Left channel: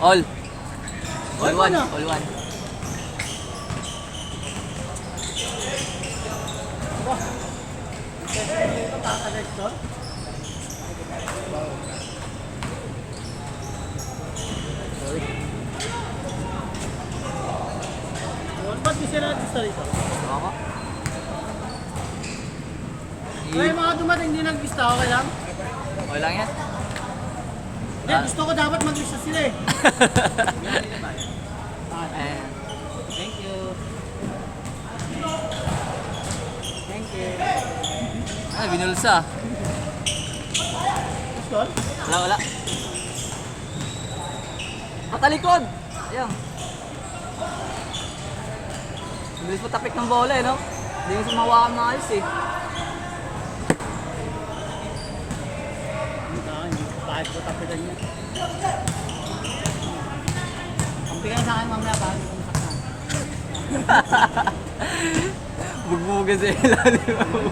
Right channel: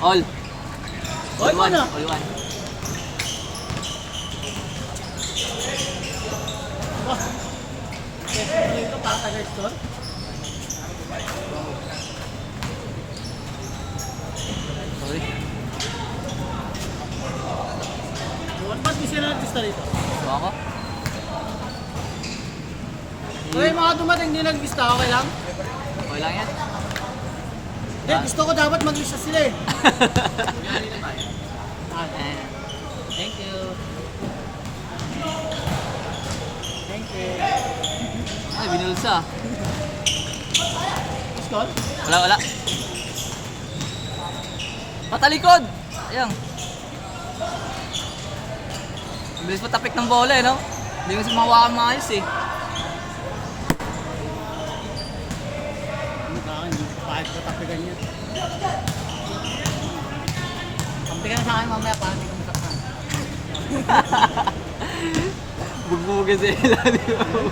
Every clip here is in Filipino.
All. All one, ah. All one. Uy. Ba't di siya na-artista dito? Bakit? Kaya mga dumating hindi nag-lista, okay lang? Okay lang yan. Hindi, gusto ko dapat mag-lista sila eh. Eh, Thank you. Thank you. Ay, binulsa. Gusto? Wala. Patalikod! Ayan. Bilis patapik ng bola eh, no? Hindi mo siya mahawakan maayos eh. Hindi ko kahit ko tapigan niya. Kampihan sa akin mamaya para hindi ko masaktan. Bugbugan sa ilalim.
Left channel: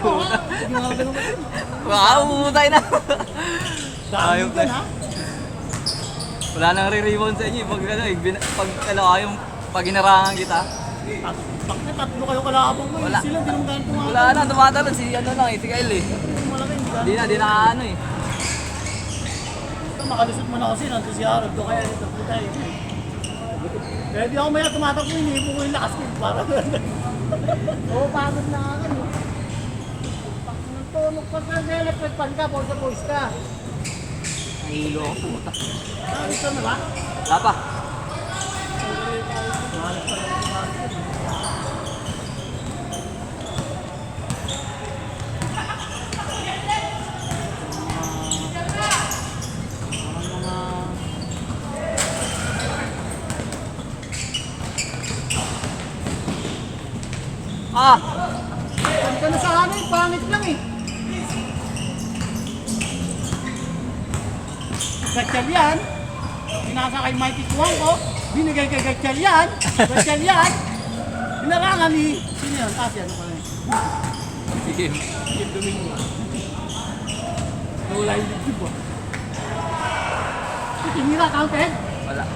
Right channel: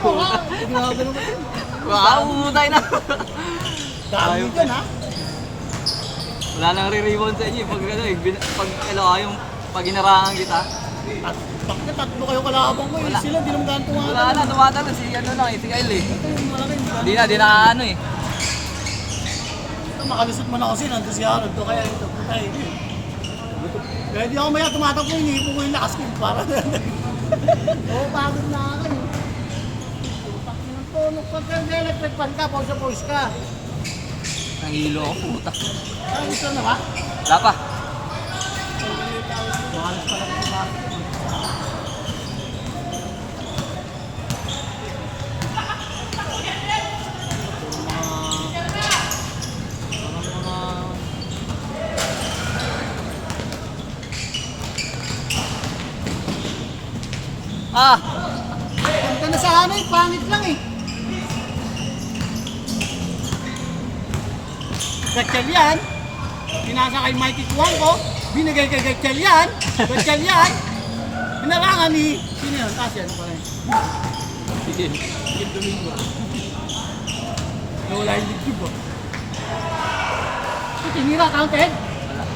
Oo ha, grabe naman yun. Wow, umutay na. Dami Ayun, ka na. Wala nang re-rebound sa inyo. Pag ano, pag inarangan kita. Pag tatlo kayo kalabang mo, Wala. sila di naman ganun tumatalo. Wala na, tumatalo. Si ano lang, si Kyle eh. Di na ano eh. Makalusot mo na ako sila, nandun si Harold ko kaya ito puta eh. Kaya di ako maya tumatakbo, iniipo ko yung lakas ko para oo, pagod na ako eh. Magpag-electric pan ka, pag sa post ka. Ang hilo ako. Puta. Gusto na ba? Wala pa. Ah! Pagka na sa ano eh, pangit lang eh. Gatchal yan. Pinasa kay Mikey Cuangco. Binigay kay Gatchal yan. Gatchal yan. Pinarangan ni... Sino yun? Taas yan. Ano pa rin? Philip Domingo. Nawala yung YouTube oh. Ito tinira, counted. Wala.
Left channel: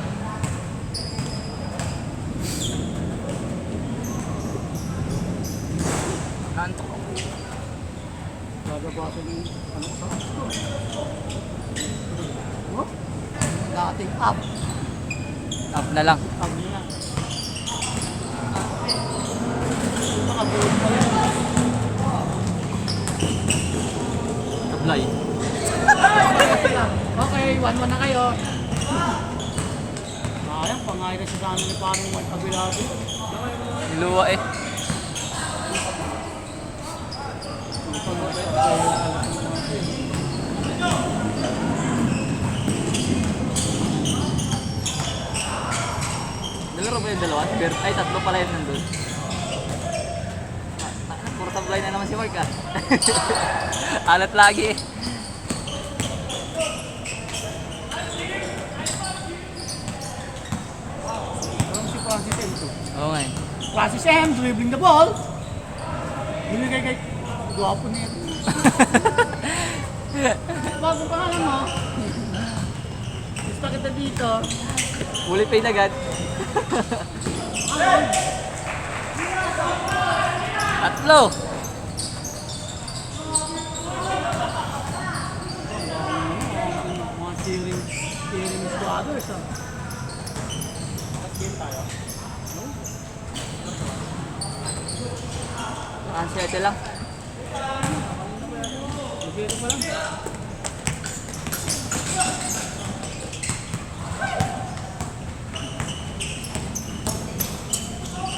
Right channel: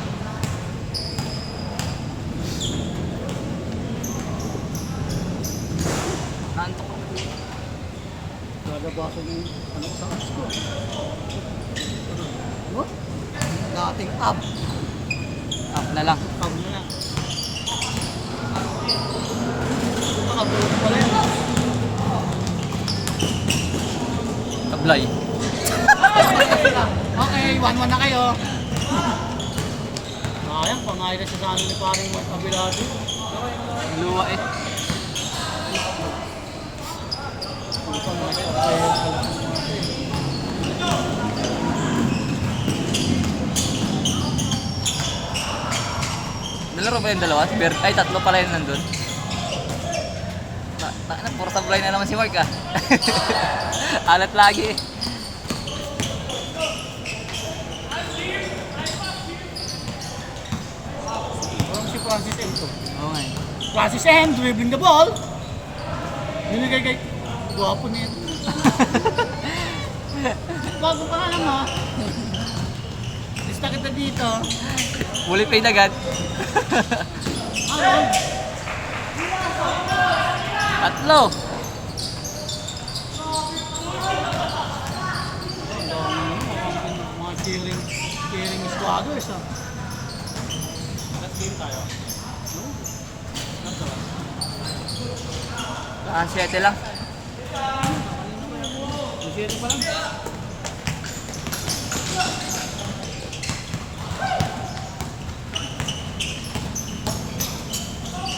Nantok ako. Gagabasan yung ano ko sa apps ko. Oh? Dating up. Up na lang. Up mo na. Nakabuot pala yun. Kablay. Okay, one man na kayo. Sayang, pangalan na sa amin ni parang magkabilado. Luwa eh. Nalaro ba yung dalawa? Ay, tatlo pala yun nandun. Puro sablay na naman si Mark ah. Alat lagi eh. Parang si Francis M to. Oo nga eh. Francis M, dribbling the ball. Binigay kay... Gwapo niya. Bago pa lang mo. Gusto kita dito. Fully paid agad. Ayun. Tatlo. Mga cheering squatters ah. Ah, 7 lang. Cheering pa lang.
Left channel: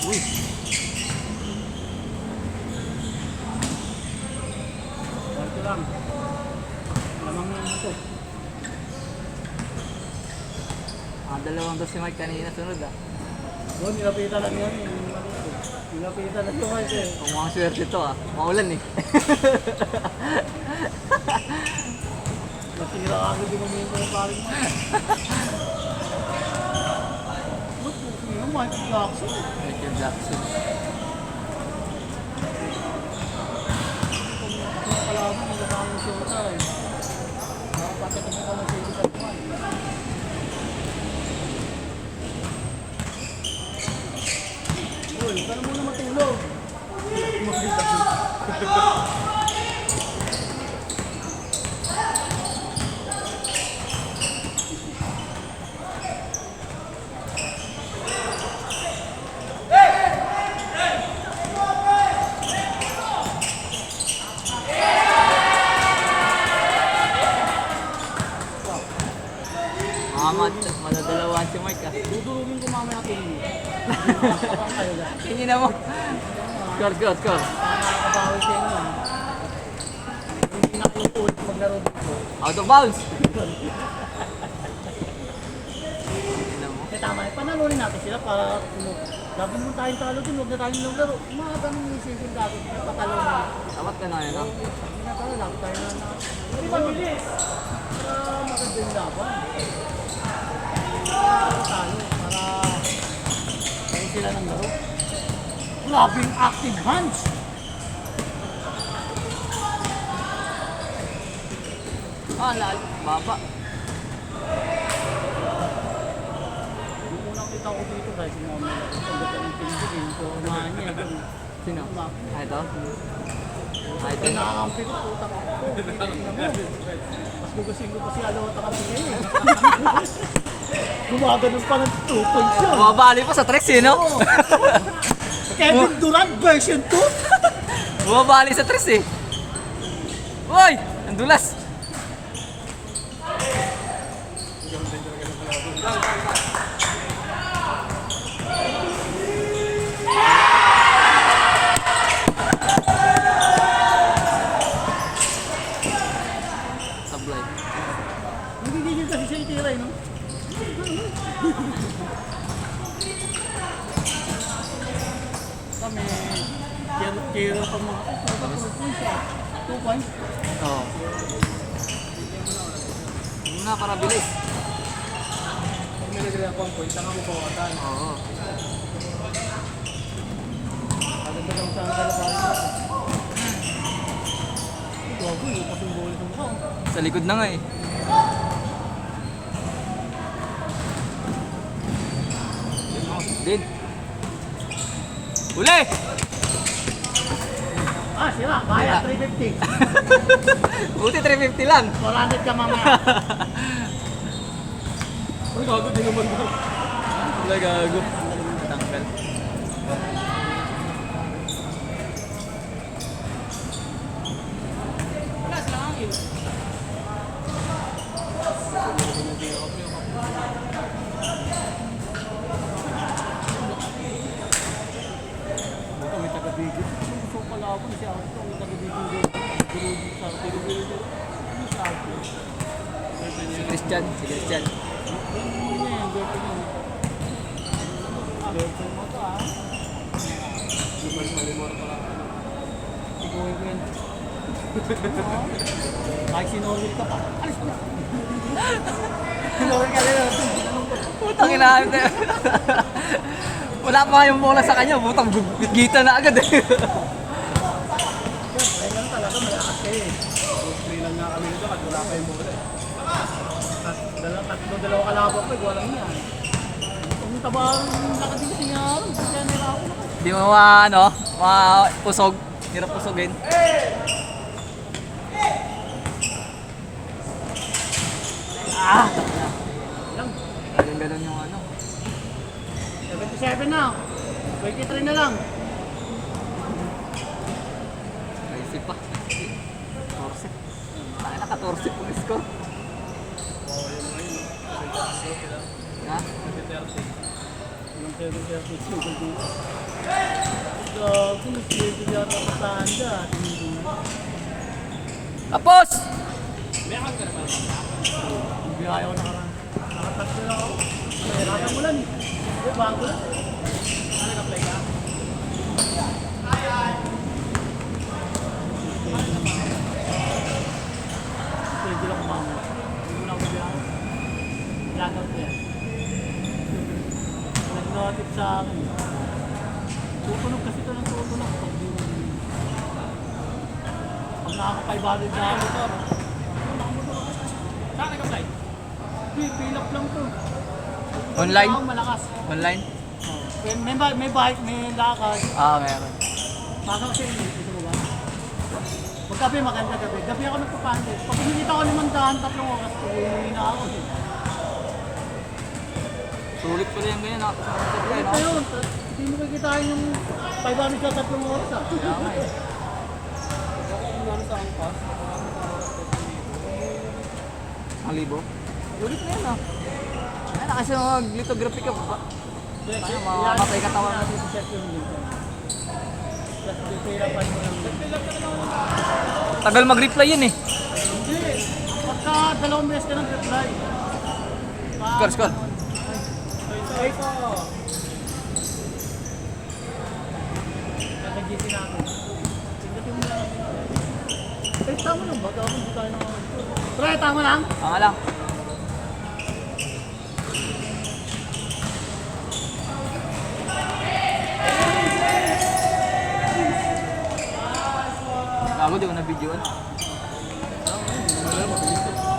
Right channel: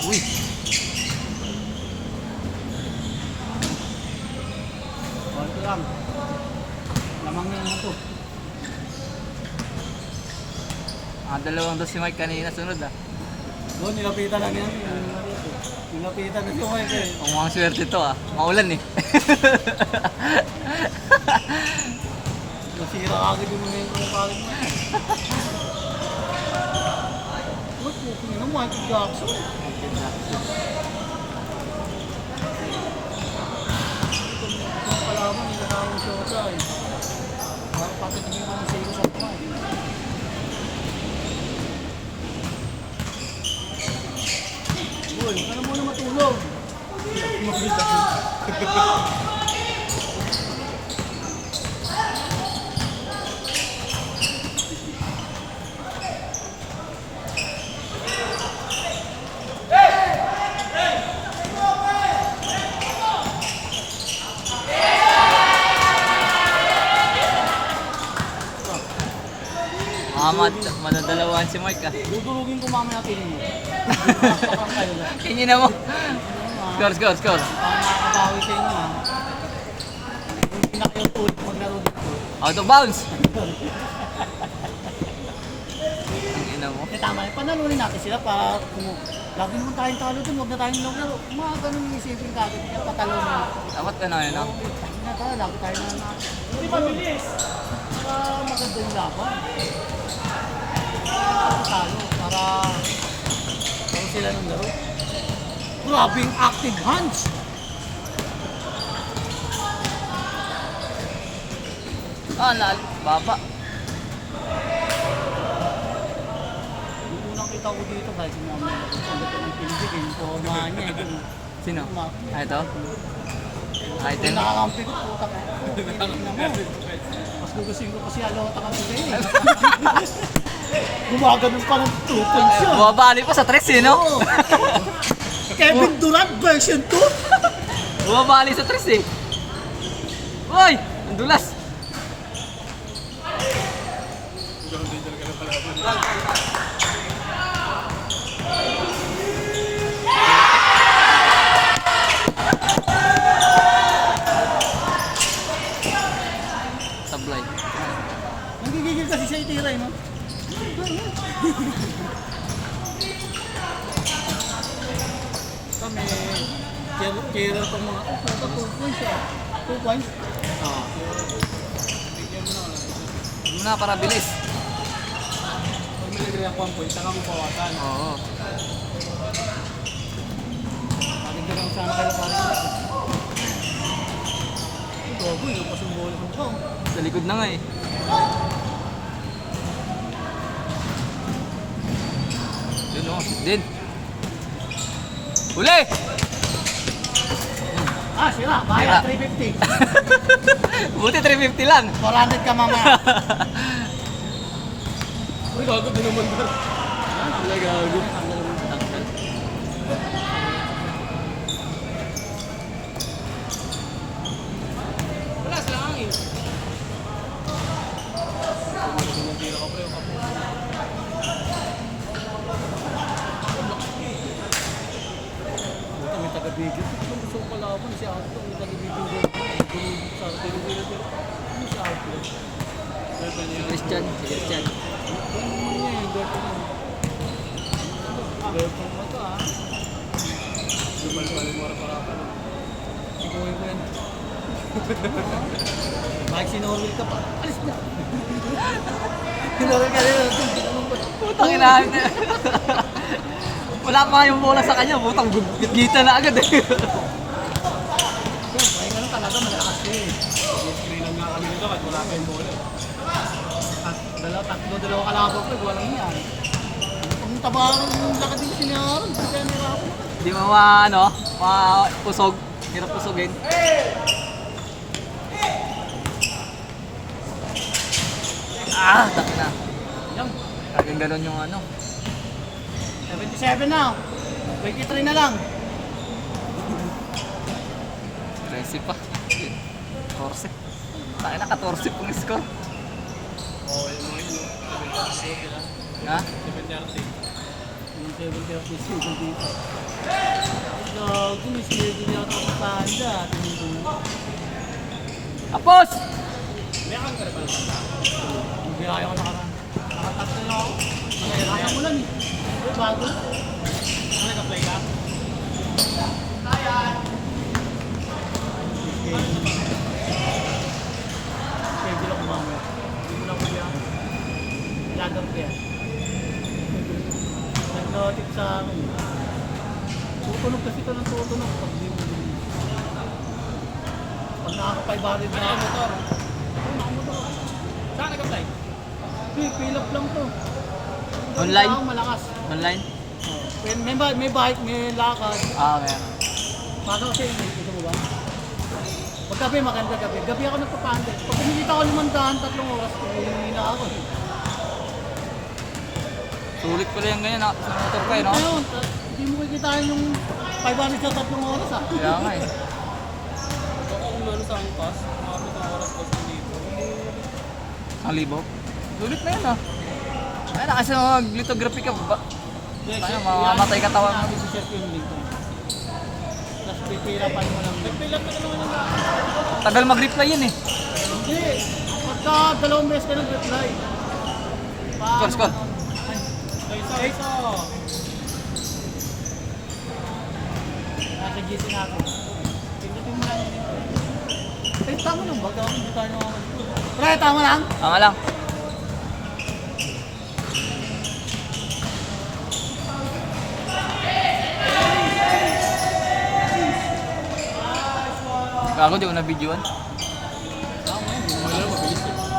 Uy. Konti lang. Lamang yung ito. Dalawang dos si Mike kanina sunod ah. Doon, nilapitan na niya. Nilapitan na siya Mike eh. Mukhang swerte to ah. Maulan eh. Nasira agad yung momento ng parin mo eh. What? Puking na Michael Jackson. Itong kalaman, yung kasamang shota eh. Parang pagkatingin ko masaya sa ito. manadalawan si Mark ah. Dudurugin ko mamaya po ninyo. Kingin na mo. Score. Nakakabawi sa inyo ha. Hindi na kayo ulit maglaro dito. Out of bounds. Kingin na mo. Kasi tama, panalunin natin sila para lagi naman tayong talo dun, huwag na tayong naglaro. Mga ganun yung isipin natin, kaya patalo na. Dapat na yun ah. Hindi na tayo, lagi tayo na. Hindi mabilis. Maganda yung laban. Para sila ng laro. Grabing active hands. Baba. Yung nakita ko dito dahil si Mama yung pinigil ko kumahan niya. Sino? Ito? Ay, Kaya nakakampi ko, puta ka. Mas gugusin ko kasi alota ka muli eh. Gumaganon pa ng 2 points yun. Bumabali pa sa tricks eh, no? Kevin Durant version 2? Bumabali sa tricks eh. Uy! Ang dulas. Sablay. Hindi gigil kasi siya itira eh, no? Kami, kira pa mga, 2 points siya. 2 points? Yun nga, para bilis. Pag minigil ako 1 point, saan ako pawakan? Oo. Maganda lang saan kayo para gago, yung pasimbolis ng ko. Sa likod na nga eh. Din. Uli! Ah, sira. Kaya, 350. Buti 350 lang. 400 ka mamaya. Uy, gago din naman ba? Wala gago. Wala sila hangin. May taga-video. Kung gusto ko kalaban, si Alto. May taga-video doon. Guru sa Guru. Ano si Alto? Si Christian. Yung naman niya yung girlfriend mo. Girlfriend mo to ah. Lumal-malimor para ka. Siguhin ko yun. Kahit sinoril ka pa. Alis na! Sinoril ka rin. Putang inahin na. Wala pa yung bola sa kanya. Putang gigita na agad eh. Ay, ganun talaga malakas eh. Screen lang nga kami nito at wala kayong bola. Dalawa kalabang ko, walang yan. Ang tabaran ng lakad dito sinaron. Kaya nirapo na. Hindi mo usog. Hirap usogin. Tak na. Yan. Talagang ganun yung ano. 77 na. 23 na lang. Crazy pa. 14. Tayo na 14 pong score. Ha? Yung 7-30 single dito. Kung single yata ako sa handa, tinigil na. Tapos! Meron ka na ba ang bata? Hindi ayaw ko na ka. Tatlo na ako. Ayaw mo lang eh. Bago. Ano nag-apply ka? Schedule ako mamaya. Hindi mo na ako biyak. Lagaw ko yan. Nag-notif sa akin. Tutunog kasi ito ng tutunog. Pag di mo din. Pag nakaka-500 na ako, motor. Saan nag-apply? Fill up lang to. Online? Ako malakas. Online? May bike, may lakad. Meron. Maka kasi ito mo ba? Pag gabi, maganda gabi. Gabi ako nagpapanda. Pag kumikita ko 500, 3 oras, hindi na ako. Sulit ko lang yung ganyan. Sa motor ko eh, no? Ito yun. Hindi mo kikitain yung 500 sa 3 oras ah. Kaya nga eh. Ako kung ano sa angkas, nakapit ang oras ko sa dito. 1,000? Sulit na yun ah. Ay, kasi mag-lithography ka ba? Ano, mamamatay katawan mo. Si Chef yung link. Tapos pipira pa yung Tagal mag-reply yun eh. Hindi. Pagka 2 beses ka nag-reply. Score. Eight. Naka-GC natin. Tingnan mo lang. Tama lang ba? Hindi tayo na... Pre, tama lang? Tama lang. Gago, di ko na-videoan. Hindi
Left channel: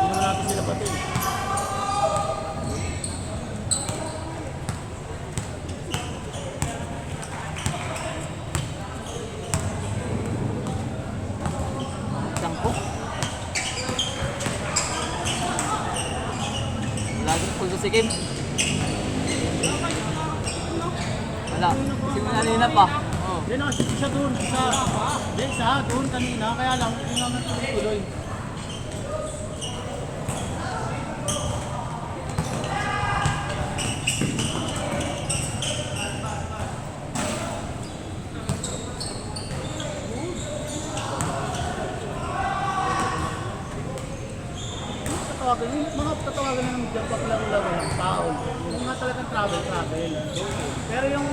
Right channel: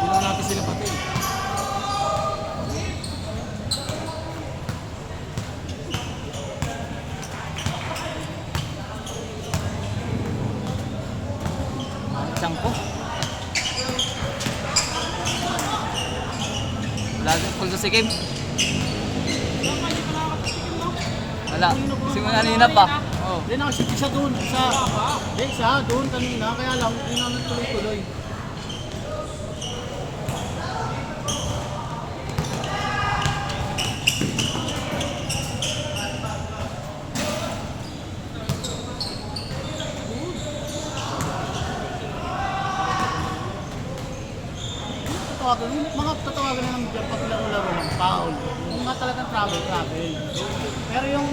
naman natin sila pati. Sangko. Wala doon sa game. Wala. Kasi mo nanina pa. Oh. Hindi na, isa doon. Isa doon kanina. Kaya lang, hindi naman tuloy-tuloy. Yung mga tatawagan ng job pag laro-laro ng taon, yung mga talagang travel. Pero yung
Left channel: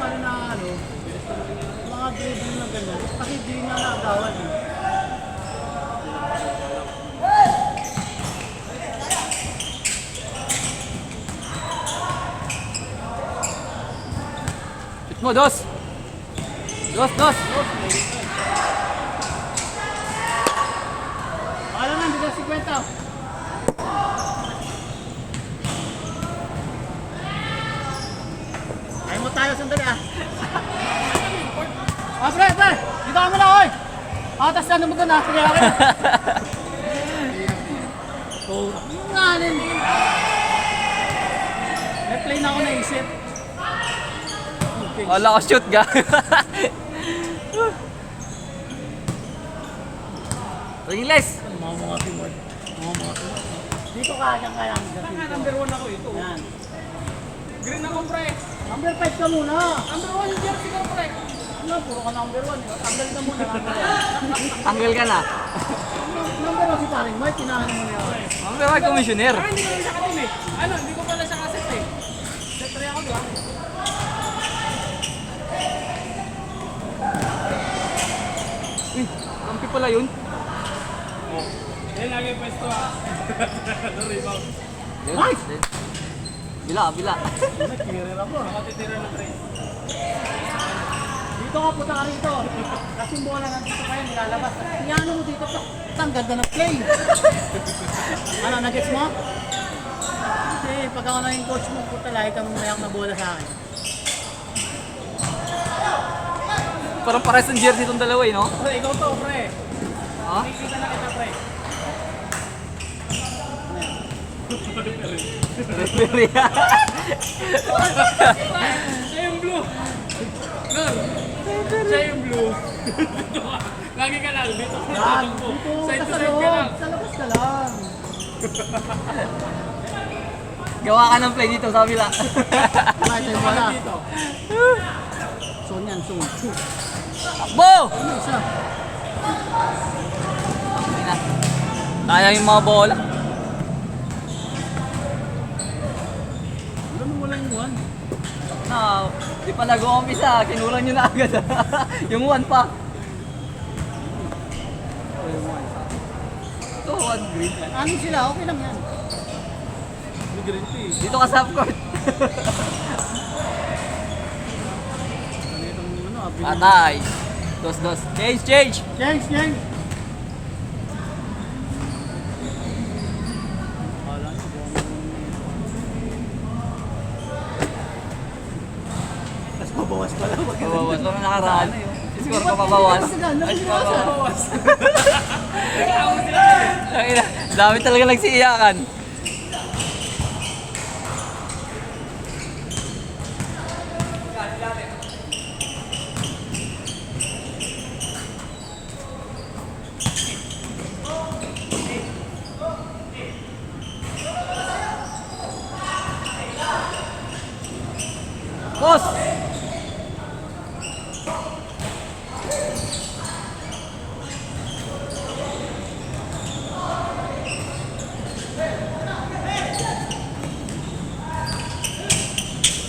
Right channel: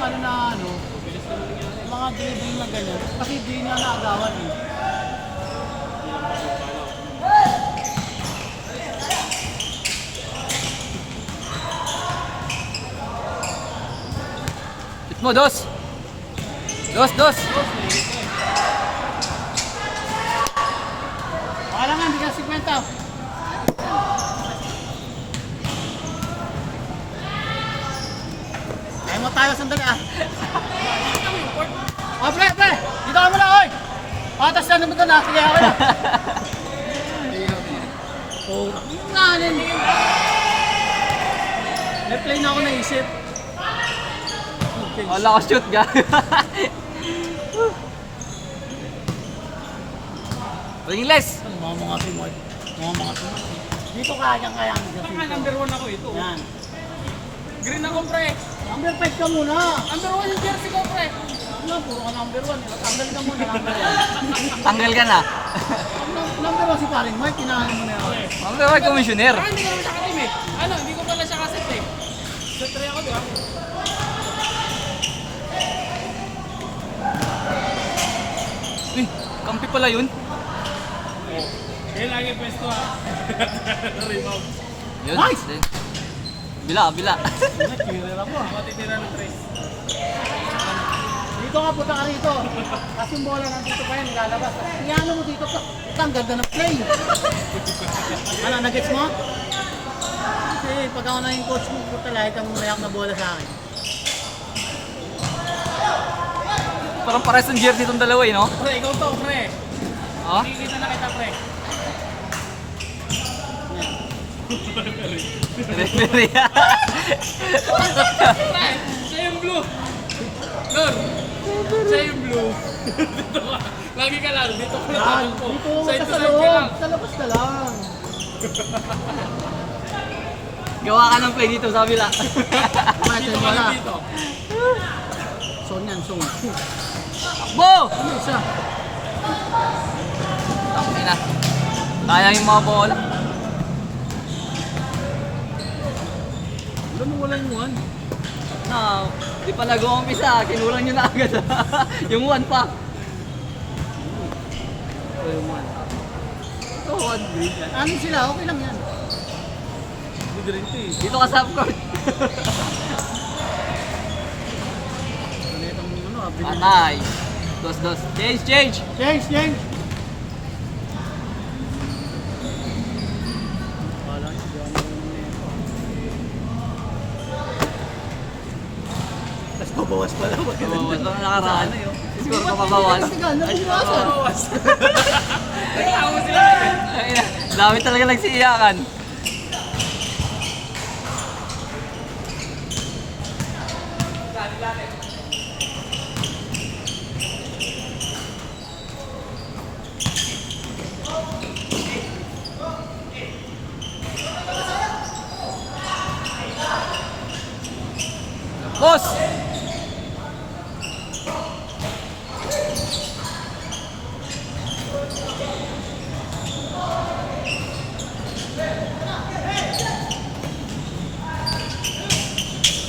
ano na ano, yung mga dribble na ganyan, kasi di niya naagawan eh. Shoot mo, dos! Dos! Baka lang hindi ka 50. Ay mo tayo sandali ah. Ah, pre! Dito ka muna, oy! Patas na naman doon ah. Kaya ka na. Oh, yung nganin. May play na ako naisip. Okay. Wala ka shoot ga. English! Mga pinwag. Dito kaya. Number 1 ako ito. Yan. Green ako, pre. Number 5 ka muna. Number 1 yung jersey ko, pre. Ano, puro ka number 1. Tanggal ka muna. Tanggal ka na. Number 1 si Paring Mike, kinahan mo na yun. Ang gawag komisyoner. Ah, hindi naman siya ka-team eh. Ano, hindi ko pala siya kaset eh. Sa 3 ako, di ba? Uy, kampi pala yun. Yan lagi pwesto ah. Rebound. Yun. Nice! Bila. Tira mo. Ako titira ng 3. Dito ka, punta ka rito. Kasi yung bola nandito kayo, nilalabas. Tingnan mo dito ka. Ang ganda ng play. Ano, nag-gets mo? Kasi pag ako na yung coach mo, puta lahi kang mayak na bola sa akin. Parang pares ng jersey itong dalawa eh, no? Pre, ikaw to, pre. Ha? Nakikita na kita, pre. Referee. Siya yung blue. Lord, siya yung blue. Dito ka. Lagi ka lang. Dito ka. Yan, Dito dito Side ka to sa side ka lang. loob. Sa labas ka lang. Gawa ka ng play dito sa kabila. Kumain tayo Dito ka bola. lang dito. Zone yan, zone. Bo! Ano isa? Tangin na. Kaya yung mga bola. Wala nung wala yung one. Na, di pa nag-uumpisa. Kinulang nyo na agad. Yung one pa. Wala yung one. Ito, one green yan. Ano sila? Okay lang yan. Hindi guarantee. Dito ka sa upcourt. Ano itong ano, abili. Patay. Dos. Change. Change. Wala niya, di ako tapos mabawas pala. Kawawan lang nakaraan. Score ka pabawas. Nabawasan. Ay, dami talaga nagsiiyakan.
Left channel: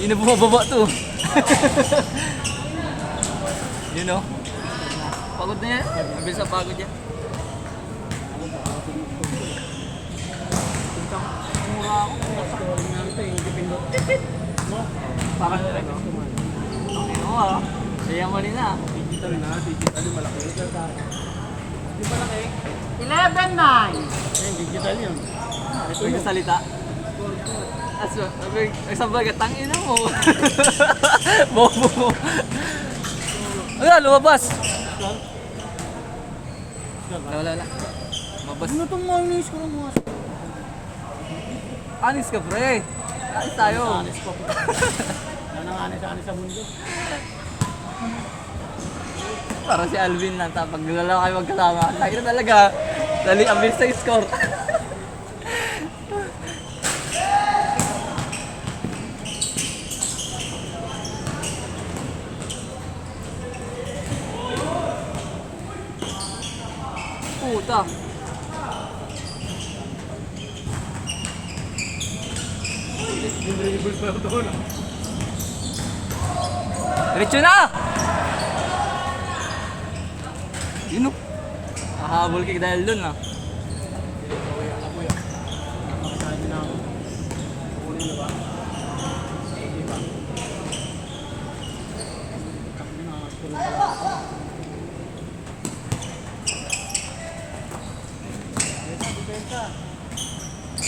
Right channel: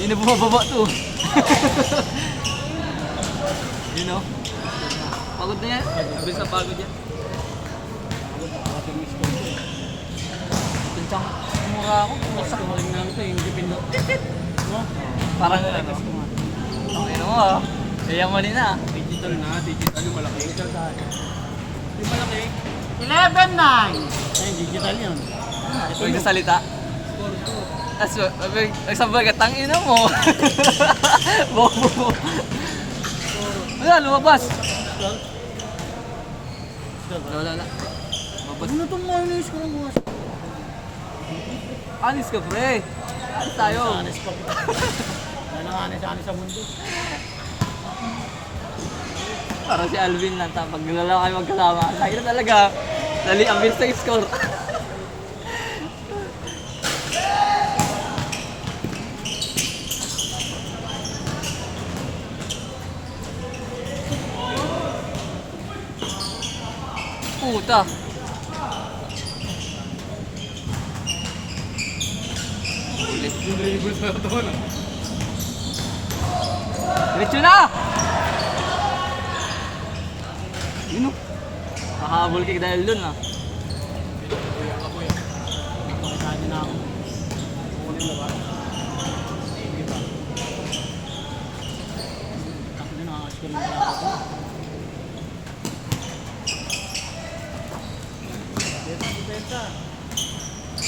Hindi na bumababa to. Yun o. Pagod na yan. Mabilis na pagod yan. Pinsang mura ako. Scoring na ito, yung dipin mo. Parang ano. Ayun mo ah. Sayang mali na. Digital na, digital yung malaki. Yung malaki. 11-9. Ayun, digital yun. Huwag na salita. Nagsabay ka, tangina mo. Bobo mo. Ayan, lumabas. Wala. Lumabas. Ano itong mayonnaise ko lang bukas? Anis ka, pre. Anis tayo. Anis ko. Yan ang anis sa mundo. Parang si Alvin lang. Pag nalala kayo magkasama. Lagi na talaga. Dali ang bilis sa score. Puta. Yung dribbles na ito na. Diretso na! Yun o. Makahabol ka dahil dun ah. Kaya na ako.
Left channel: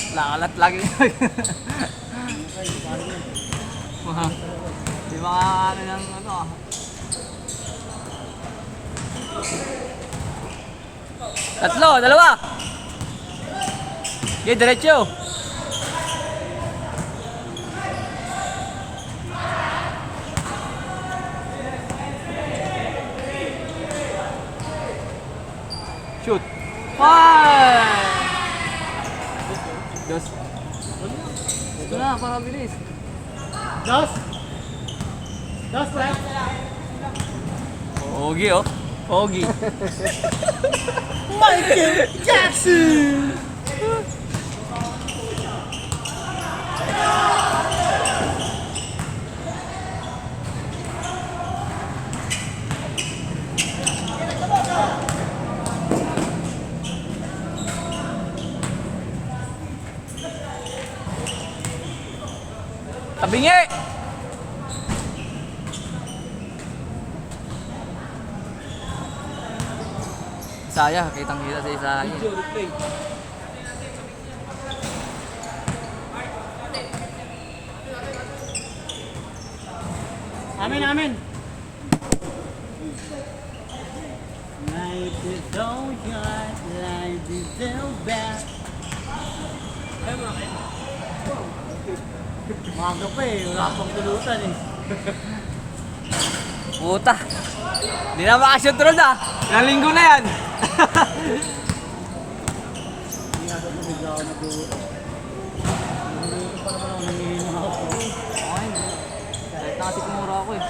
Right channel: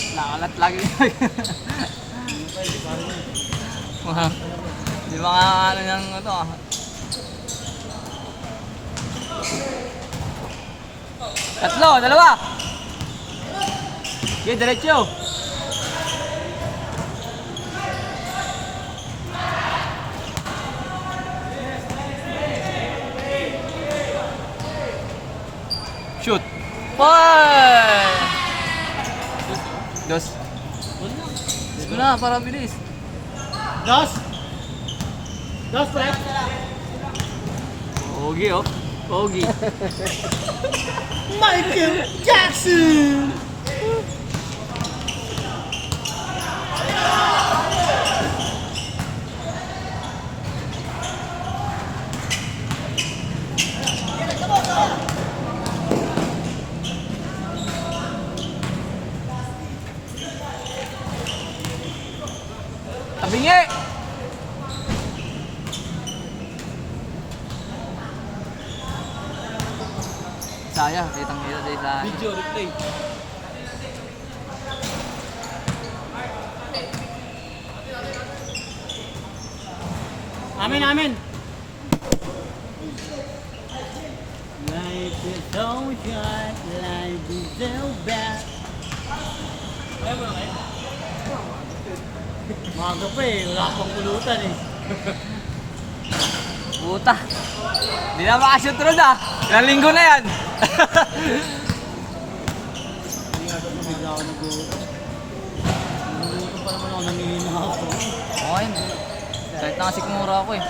Lakalat lagi. Di ba nga ano yan ito ah. Tatlo, dalawa. Okay, diretso. Shoot. One. Dos. Ito na, para bilis. Dos, pre. Pogi oh. Pogi. Michael Jackson! Tabingi! Sayang, kitang-kita sa isa. Video replay. Amin. Life is so short, life is so bad. Ayaw mo na kayo? Maga pa eh, wala pang pulutan eh. Puta. Hindi na makashoot ron ah. Ilang linggo na yan. Bigla ako nag-uwi. Pa naman ako nangihinig ako. Okay. Kahit nakasikmura ako eh.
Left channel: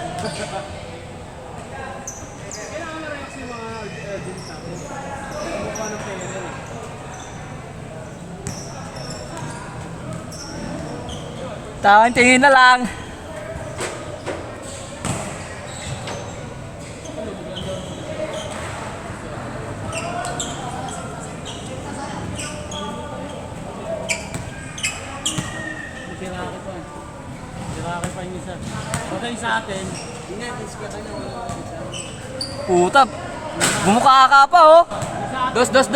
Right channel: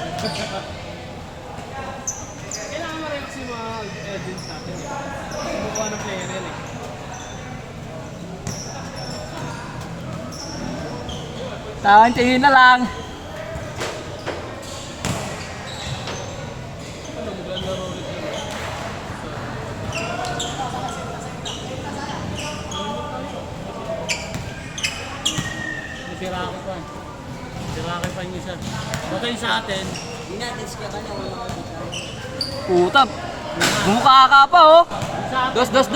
Kailangan mo rin kasi mga agents natin. Ano pa ng player yan eh. Tawang tingin na lang. Siraki pa. Siraki pa yung isa. Basta yung sa atin. Puta. Bumukha ka pa oh. Sa atin. Dos.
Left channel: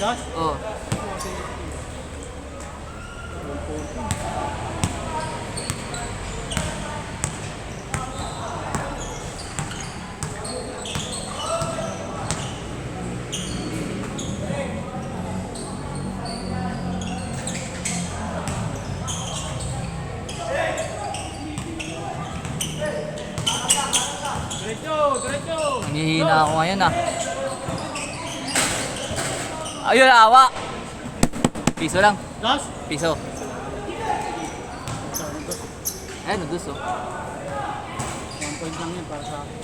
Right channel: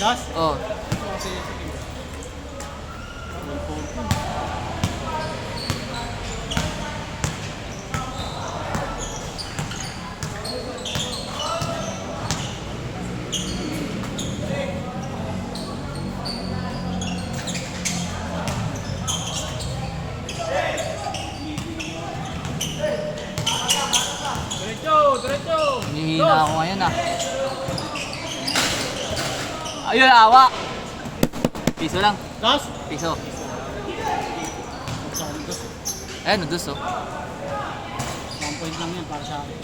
Dos? Oh. Diretso! Hihina ako ngayon ah. Ayun, awa. Piso lang. Dos? Piso. Ayan, dos oh. 1 point lang yan para sa akin.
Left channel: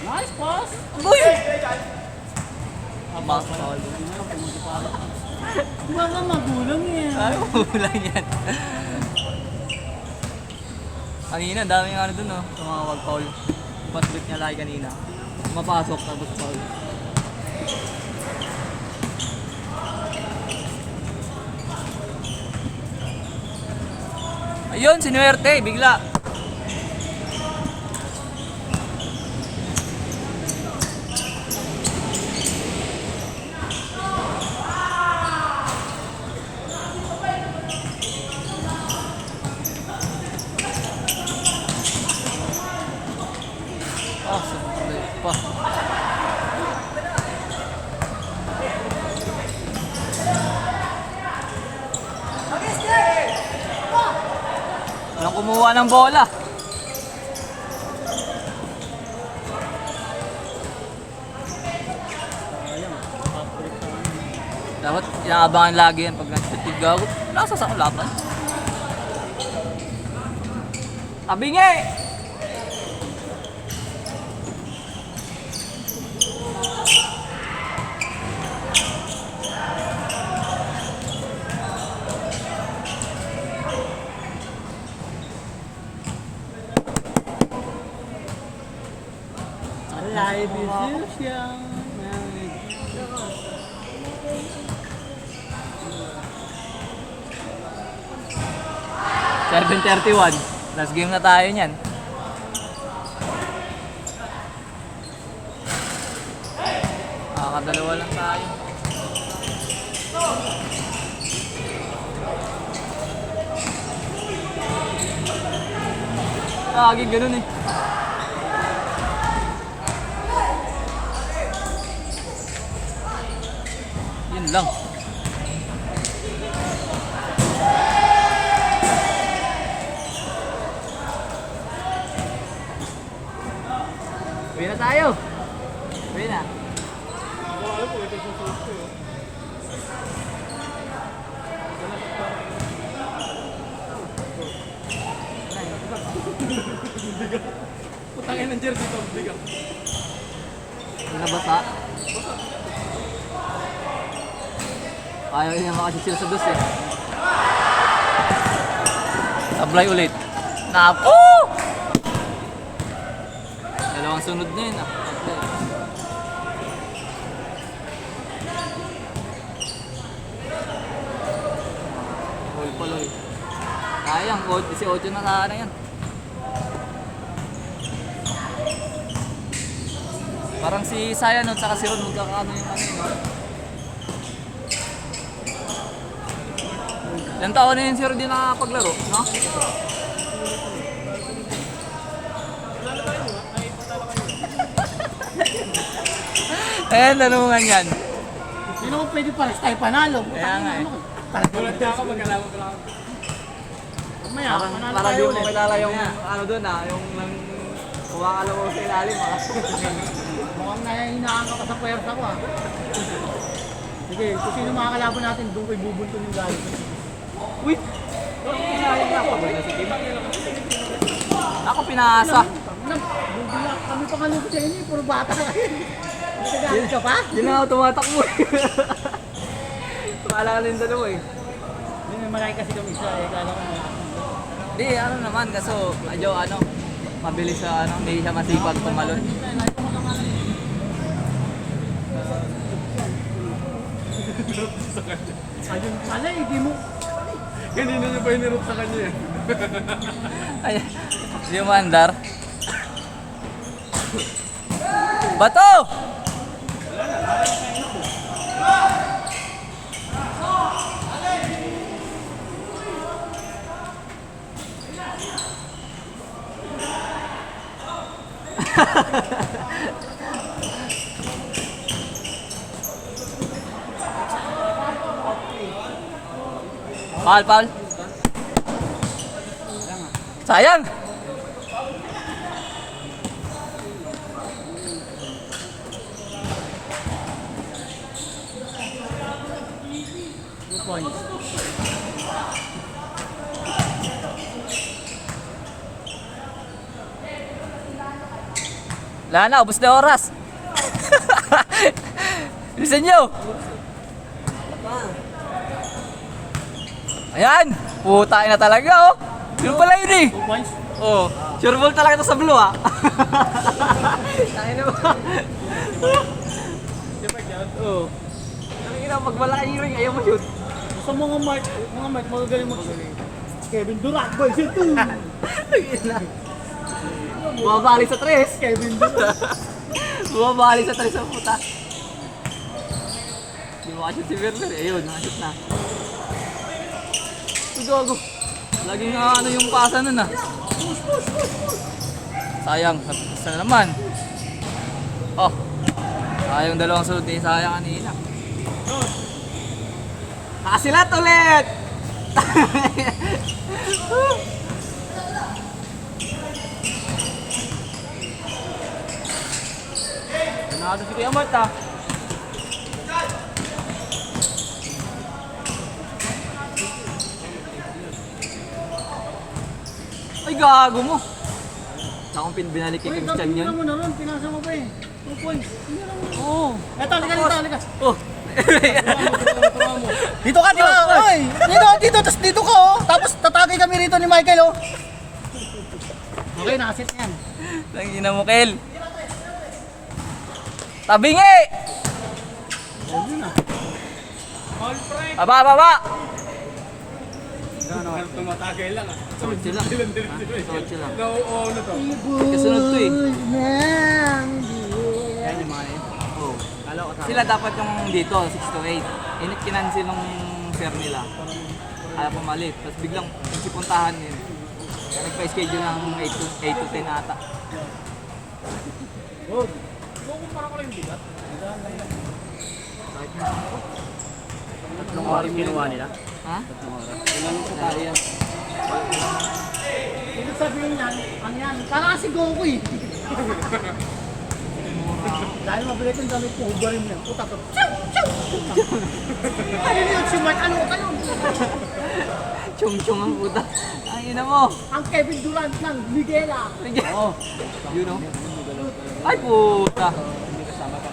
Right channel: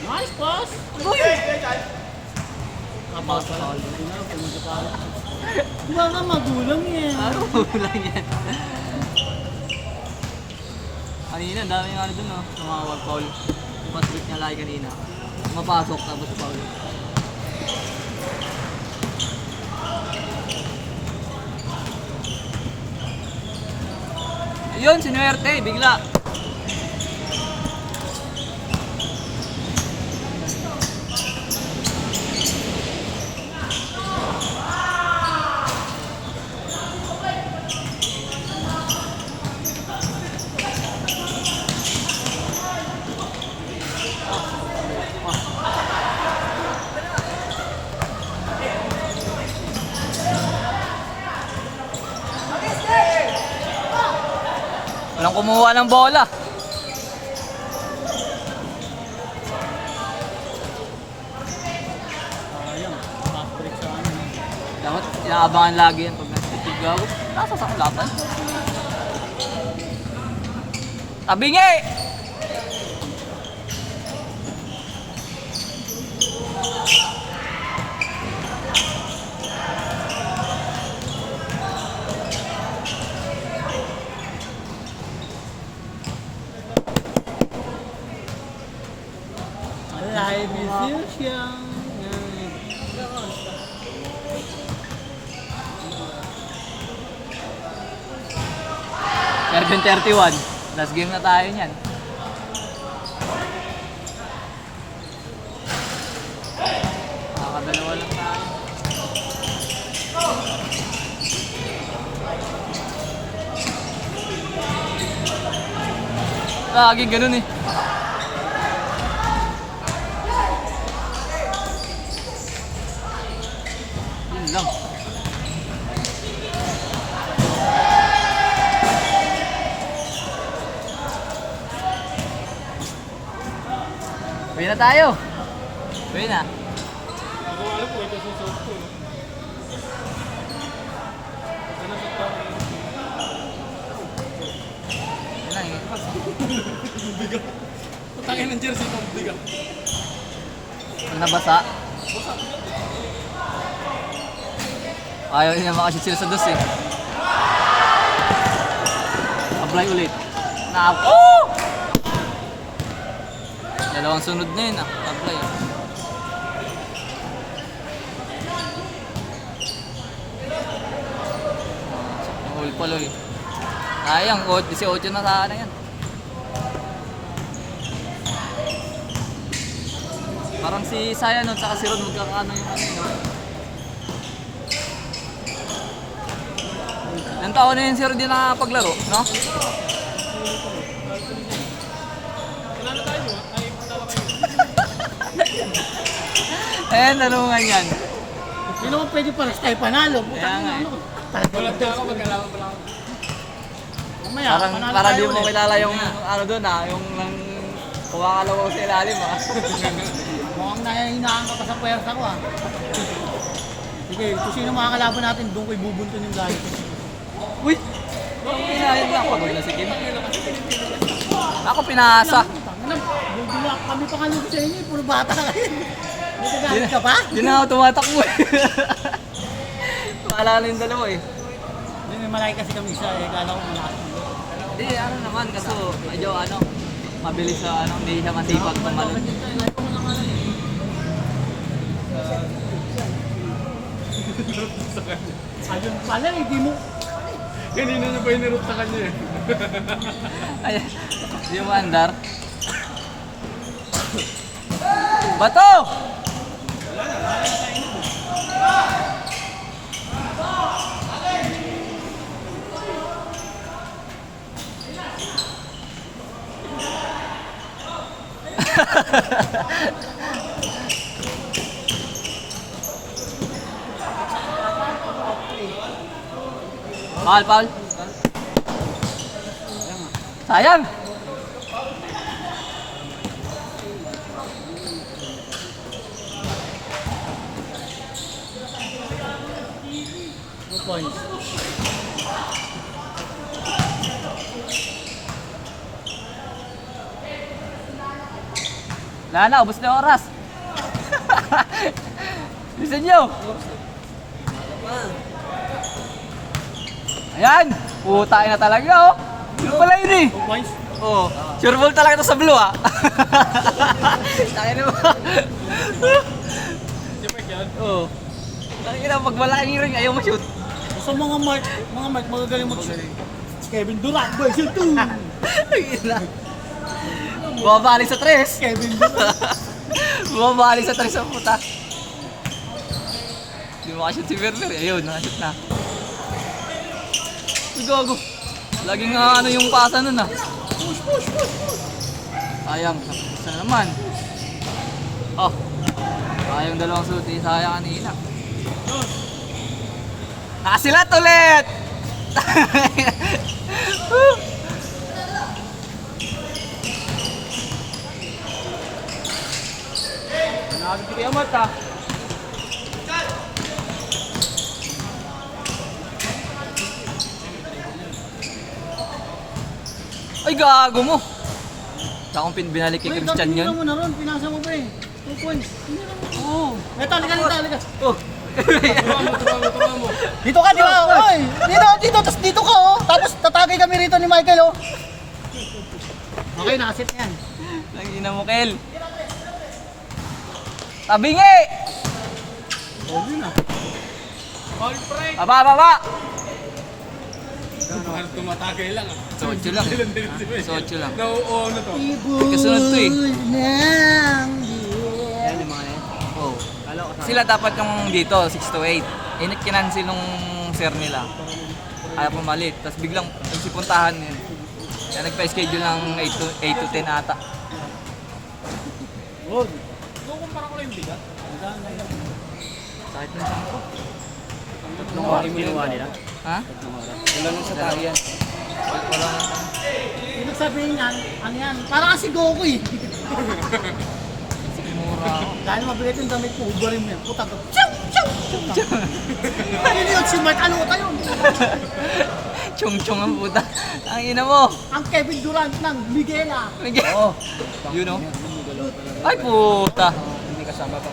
Nice pass! Uy! Mapapal. Hindi na lang kung magkapala. Baka magulang yan. Kulang yan. Kanina, daming ano dun oh. Tumawag, Paul. Basket na lagi kanina. Mapasok tapos Paul. Ayun, sinuwerte, bigla. Walang kumuha ng bola. Dapat inaabangan lagi yan pag nasa-tip gawin. Nasa sa kulapan. Tabingi! Live musician. 7:31. Last game na tayo niyan. Nakakadalawa lang tayo. Laging ganun eh. Yun lang. Uwi na tayo. Uwi na. Putangin ng jersey ko, bigat. Nabasa. Ayaw niya makashoot sila sa dos eh. Apply ulit. Napo! Dalawang sunod niya yun. Apply. Hold pala eh. Sayang, 18 na sana yan. Parang si Sayan at saka si Ron magkakaano yung ano no? Ilang taon na yun si Ron din nakapaglaro, no? Tanungan yan. Hindi naman pwede para tayo panalo. Kaya nga eh. Walang ako, magkalaban pala ako. Parang di mo kilala yung ano doon yung kuha ka lang sa ilalim Mukhang nahinaan ka pa sa pwersa ko Sige, kung sino makakalaban natin, doon ko'y bubunto yung galit. Uy! Bakit kinahin na ako? Sige ba? Ako pinasa. Bubila kami pa kalubo sa inyo, puro bata ka rin. Nagagalit ka pa? Di na ako tumatakbo eh. Maalala yung dalawa eh. Hindi may malaki kasi kami isa kala ko Di, ano naman, kaso medyo mabilis sa hindi siya masipag tumalon. Ayun pala, hindi mo. Kanina niya ba hinirap sa kanya eh? Ay, di mo andar. Bato! Pal. Sayang. Point. Wala na, ubos na oras. Listen nyo! Ayan! Putay na talaga oh! Yung pala yun eh! 2 points. Oh, sure ball talaga to sa blue ah. Tayo na ba? Oh. Tayo na, pag wala yung ring, ayaw mo shoot. Sa mga mark, magagaling mag-shoot. Kevin Durant, boy, shoot 2. Bumabali sa tres. Kevin Durant. Bumabali sa tres ang puta. Hindi mo ka-shoot si Werner. Ayun, nakashoot na. Gago. Laging ano yung pasa nun ah. Sayang, isa na naman. Oh. Sayang dalawang suit eh. Sayang kanina. Nakasilat ulit! Makakasipin ang mata. Ay, gago mo! Sa akong binalik kay Christian yun. mo na ron, pinasa mo ba 2 points. Oo. Eto, halika. Oh. Turuan mo. Dito ka, di ba? Oy! Dito, tapos dito ka, oh. Tapos tatagay kami rito ni Michael, oh. Okay, nakasit na yan. Langina mo, Kel. Tabingi! Oh, yun ah. All pride. Baba! Tumatagay lang ah. Sotso lang. Sotso lang. Ano to? Kasunod to eh. Yan yung mga yan. Oh. Kala ko kasama. Sila dapat yung dito, 6 to 8. Kinansil nung sir nila. Kaya pumalit. Tapos biglang sipuntahan yun. Kaya nagpa-schedule ng 8 to 10 ata. Good. Tatlong oras ginawa nila. Ha? Tatlong oras. Wala nung sa tayo yan. Ibig sabihin yan, ano yan? Para kasi Goku eh. Dahil mabilit yung damit ko, hubarin yan. Putak ko. Ano yun? Si Mark, ano ka yun? Chung-chung ang puta. Ang ina mo. Ang Kevin Durant ng Miguela. Oh. You know? Ay puta. Hindi kasama pa.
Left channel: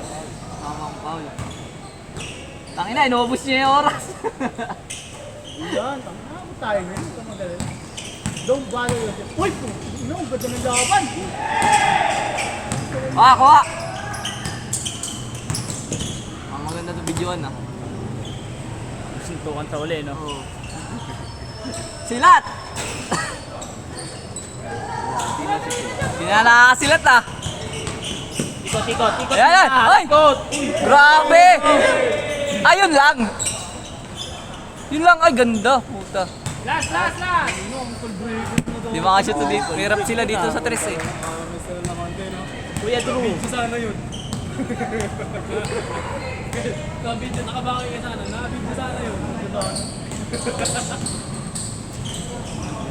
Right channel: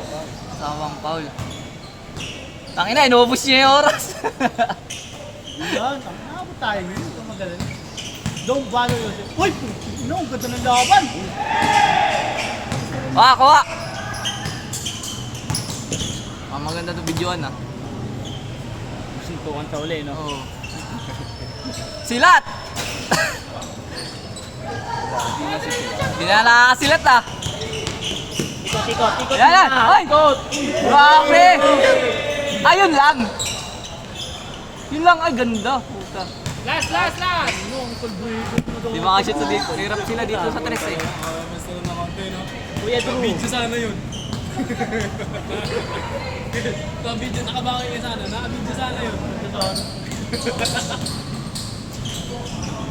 Kasama ang Paul. Tangina, inubos niya yung oras. Yan, ang tayo ngayon. Ito magaling. Don't bother yourself. Uy! Ano, ang ganda ng laban. Kuha! Ang maganda to videoan ah. Sintukan sa uli, no? Silat! Hindi na nakakasilat ah. Tikot. Ayan! Ay! Grabe! Ayun lang! Yun lang, ay ganda. Puta. Last! Di makashoot na dito. Hirap sila dito sa tres eh. Kuya Drew. Video sana yun. Ka-video, nakabakay ka sana. Naka-video sana yun.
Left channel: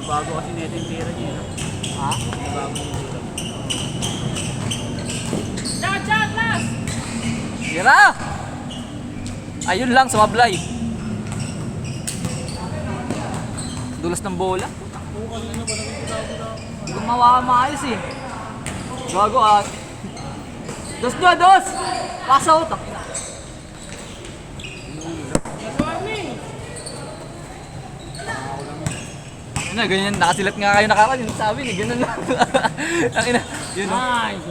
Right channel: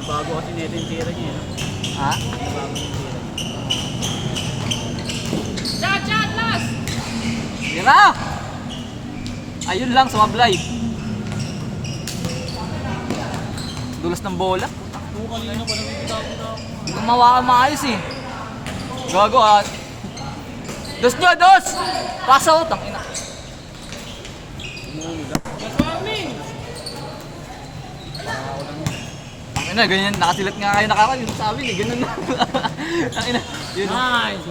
Yung bago kasi neto yung tira niya, no? Ha? Yung bago yung tira. Shot! Last! Tira! Ayun lang, sumablay. Dulas ng bola. Hindi ko mawakan maayos eh. Gago ah. Dos! Pass out ang ina. Ano, ganyan, nakasilat nga kayo nakakalit. Sabi niya, ganun lang. Ang ina. Yun. Nice!